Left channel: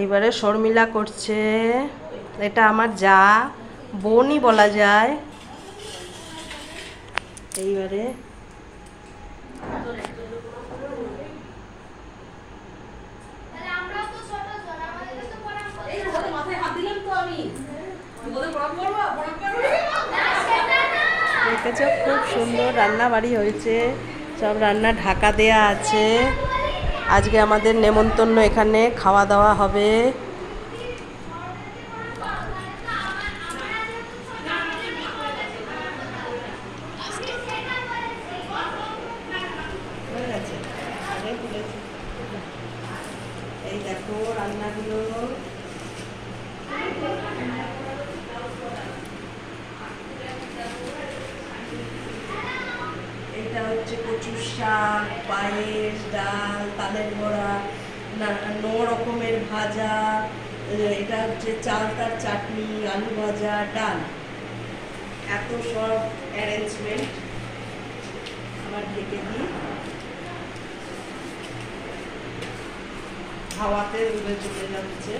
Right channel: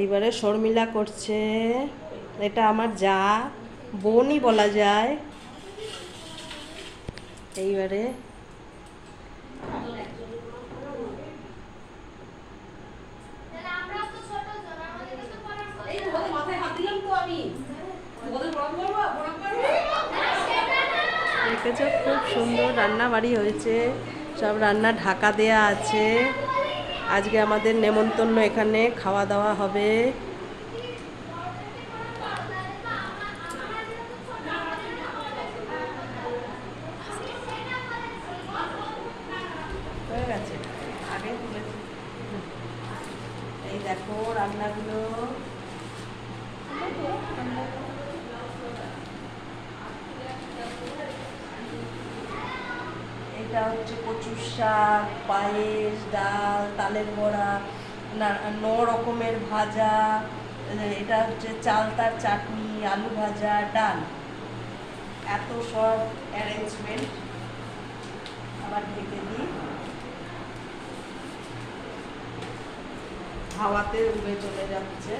এইবারে শর্মিলা করছে, এটা আমার যা, বোনই বলা যায়। এইবারে দেখেছো খুব সুন্দর রান্না বাড়ি হয়েছে, সব রান্না ঢাকা দেয়া আছে। আজকে আমাদের নেমন্তন্ন, এখানে খাওয়া দাওয়া হবে। এই দেখো রান্নাগুলো, এটা হচ্ছে কচুর শাক, পায়েস, ডাল, তালের বড়া, রকমের ভাজা, এটা হচ্ছে চালতার চাটনি, আলু ভাজা, ডাল, এত সব অ্যারেঞ্জমেন্ট। আবার ঢেকে দিই, হাওয়াতে উড়ে চলে যাচ্ছে।